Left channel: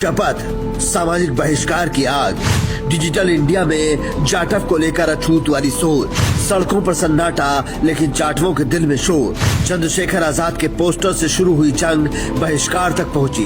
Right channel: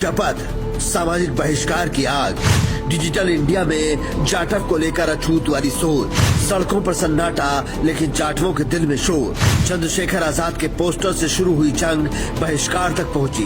शपथ सामाजिक बहिष्कार की आग। डिजिटल इंडिया में जाटव को लेकर अछूत वाली सोच। सड़कों पर सन्नाटा लेकिन जाटवों के दिल में शोर। चंद्रशेखर आजाद के पोस्टर से शुरू हुई जंग बहिष्कार तक पहुंची।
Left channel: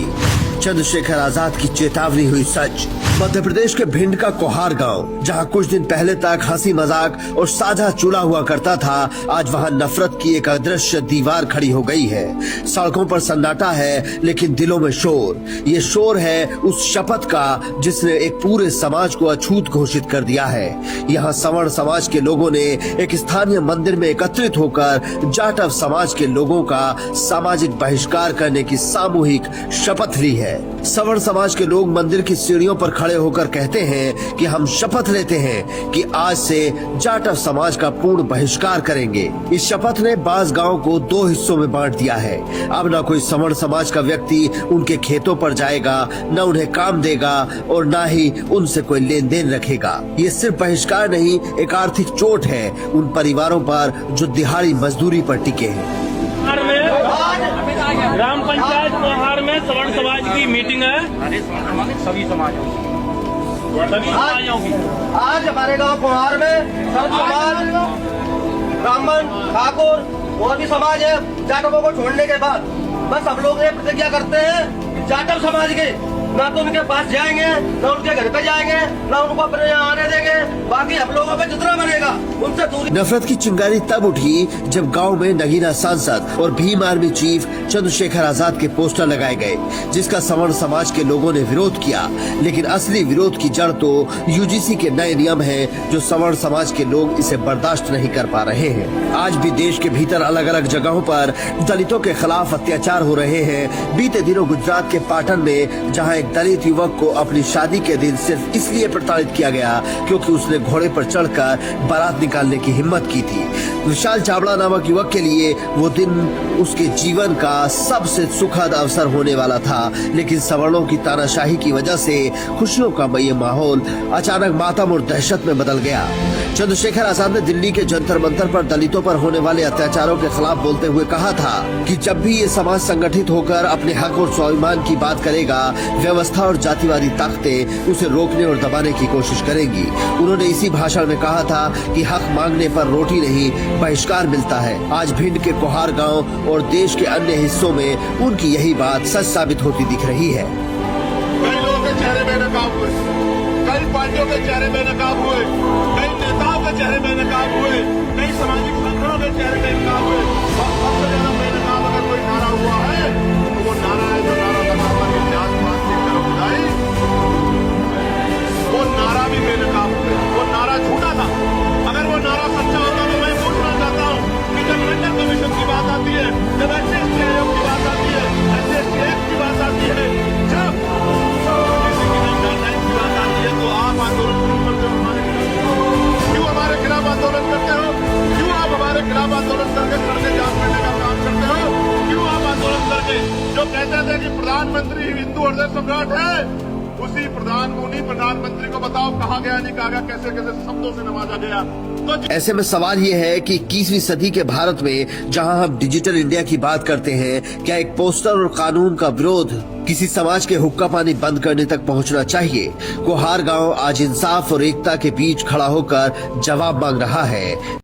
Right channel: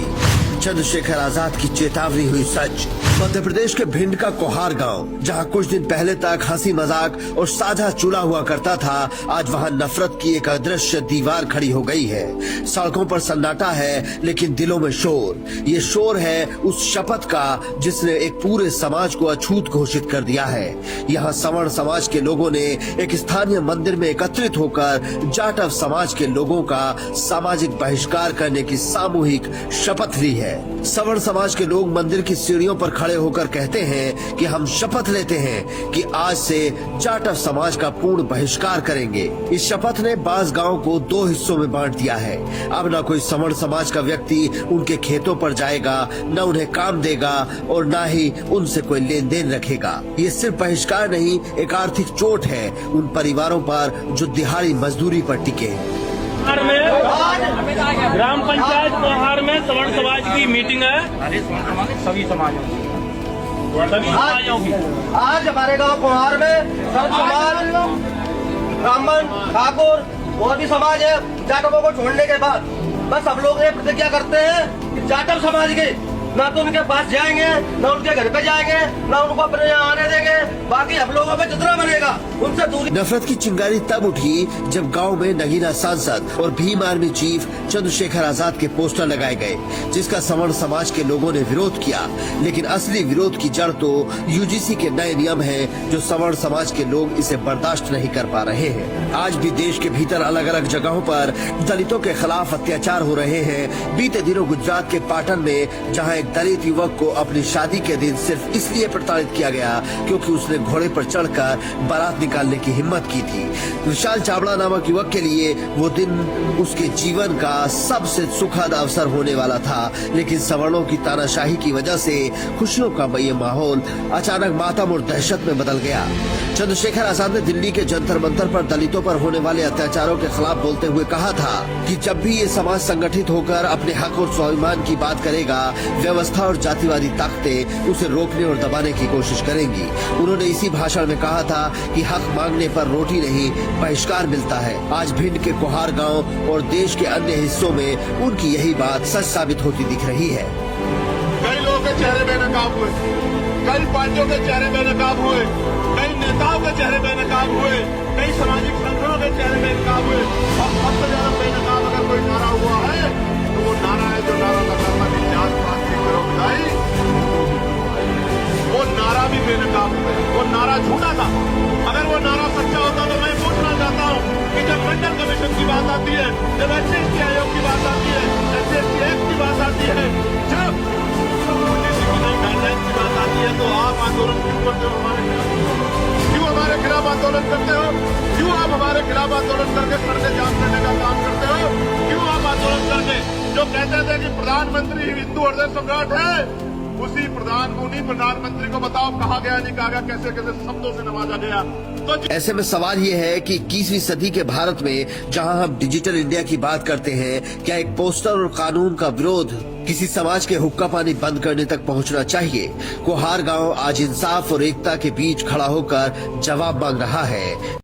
चंद्रशेखर आजाद की चेतावनी हुई सच। मध्य प्रदेश के भिंड का कोहार गांव, जहां कुछ दिन पहले तक हंसी मजाक और साझा चूड़ा हुआ करता था, आज वहां नफरत की एक अदृश्य दीवार खड़ी हो गई है। सड़कों पर सन्नाटा है लेकिन दिलों में शोर। ये शोर है उस शपथ का जिसने एक पूरे समाज को अछूत घोषित कर दिया है। यहाँ सवर्ण समाज के लोगों ने एक स्थानीय मंदिर में एकत्रित होकर जाटव समाज के लोगों का सामाजिक बहिष्कार करने की सामूहिक शपथ ली है। सवर्ण समाज के लोग मंदिर की सीढ़ियों पर खड़े होकर कहते हैं कि हम शपथ लेते हैं कि आज से जाटव समाज का पूर्ण बहिष्कार करेंगे। इस शपथ ने बांस गांव को 2 हिस्सों में बांट दिया है। अब न कोई सवर्ण समाज का व्यक्ति उनके खेतों पर जाएगा, न उन्हें काम देगा और न ही उनसे कोई लेन देन रखेगा। ये सिर्फ बहिष्कार नहीं, एक आर्थिक चोट है उन परिवारों पर जो दिहाड़ी मजदूरी पर टिके हैं। ग्राम पंचायत कोहार में सवर्ण समाज की मीटिंग है। सभी समाजों की आज हमारे गांव कोहार में सवर्ण समाज, ब्राह्मण, ठाकुर और भी समाज है। जाटवों को छोड़ने के बाद बस हम लोग ये प्रतिज्ञा करते हैं कि जाटव समाज के ना तो उनके पास जाएंगे, ना उनके घर पे जाएंगे, ना उनको अपने यहाँ आने देंगे। बाकी हम लोगों पे जितना बनेगा उनसे दूरी। नफरत की चिंगारी तब उठी जब गांव में नगीना सांसद और भीम आर्मी चीफ चंद्रशेखर आजाद के पोस्टर लगाए गए, जिसका सवर्ण समाज के लोगों ने विरोध किया। लेकिन असली विरोध की जड़ तो यूजीसी के नए नियम है, जो सवर्ण समाज के लोग इसे बर्दाश्त नहीं कर पा रहे हैं। आज भी देश के भीतर अलग अलग जगहों पर दलितों के खिलाफ अत्याचार हो रहे हैं। बीते दिनों गुजरात के पाटन में जहाँ दलित युवक को अपनी शादी के दिन सिर्फ इसलिए प्रताड़ित किया गया क्योंकि उसने घोड़े पर चढ़कर बारात निकालने की हिम्मत की थी। विशाल चावड़ा नामक युवक के लिए वो दिन उसके जीवन का सबसे सुखद अवसर होने वाला था, लेकिन सवर्णों की तानाशाही की वजह से खुशियों का ये माहौल अचानक मातम और दहशत में बदल गया। चंद्रशेखर आजाद ने दिल्ली के जंतर मंतर पर दलितों पर होने वाले अत्याचारों के खिलाफ बोलते हुए कहा था कि जब भी ये समाज संगठित होकर अपने हक और स्वाभिमान की बात करेगा, व्यवस्था और जातिवादी ताकतें उसे रोकने और दबाने की कोशिश करेंगी। उन्होंने इसी भाषण में कहा था कि हक मांगने पर रोटी नहीं, बहिष्कार मिलता है। आज भिंड के कोहार गांव और देश के अन्य हिस्सों में उनकी यही बात सच साबित होती दिख रही है। कई लोगों के चेहरे बेनकाब हुए, कई पार्टियों के चेहरे बेनकाब हुए, कई नेताओं के चेहरे बेनकाब हुए, कई सामाजिक संगठनों के चेहरे बेनकाब हुए। और सबसे ज्यादा बेनकाब अगर कोई नारा हुआ है तो वो नारा है जो नारा लग रहा था कि जात पात की करो विदाई, वो नारा भी बेनकाब हो गया। वो नारा झूठा था। अगर वो नारा सच्चा होता तो मैं पूछना चाहता हूँ कि जब मंडल कमीशन की बात आती है, जब SC आयोग की बात आती है, SC एक्ट की बात आती है, जब यूजीसी की नई गाइडलाइन की बात आती है, तो आप आंदोलन क्यों करते हो हमारे खिलाफ? क्यों हमारे खिलाफ आंदोलन करते हो? क्यों आप हमारे खिलाफ आंदोलन करके सड़कें जाम करने का काम करते हो? क्यों आप आंदोलन करके जो कहते थे कि प्रधानमंत्री हिंदू हृदय सम्राट है, उन्हीं प्रधानमंत्री को बताओ कहा गया, नहीं कहा गया, कैसे कैसे शब्दों से नवाजा गया। तो ऐसे में सवाल ये है कि 21वीं सदी के भारत में जहां हम डिजिटल इंडिया की बात करते हैं, क्या एक पोस्टर और कानून का विरोध किसी समाज के हुक्का पानी बंद करने तक पहुंचना चाहिए? कोहार गांव आज इंसाफ और एकता के बीच खड़ा होकर जवाब मांग रहा है।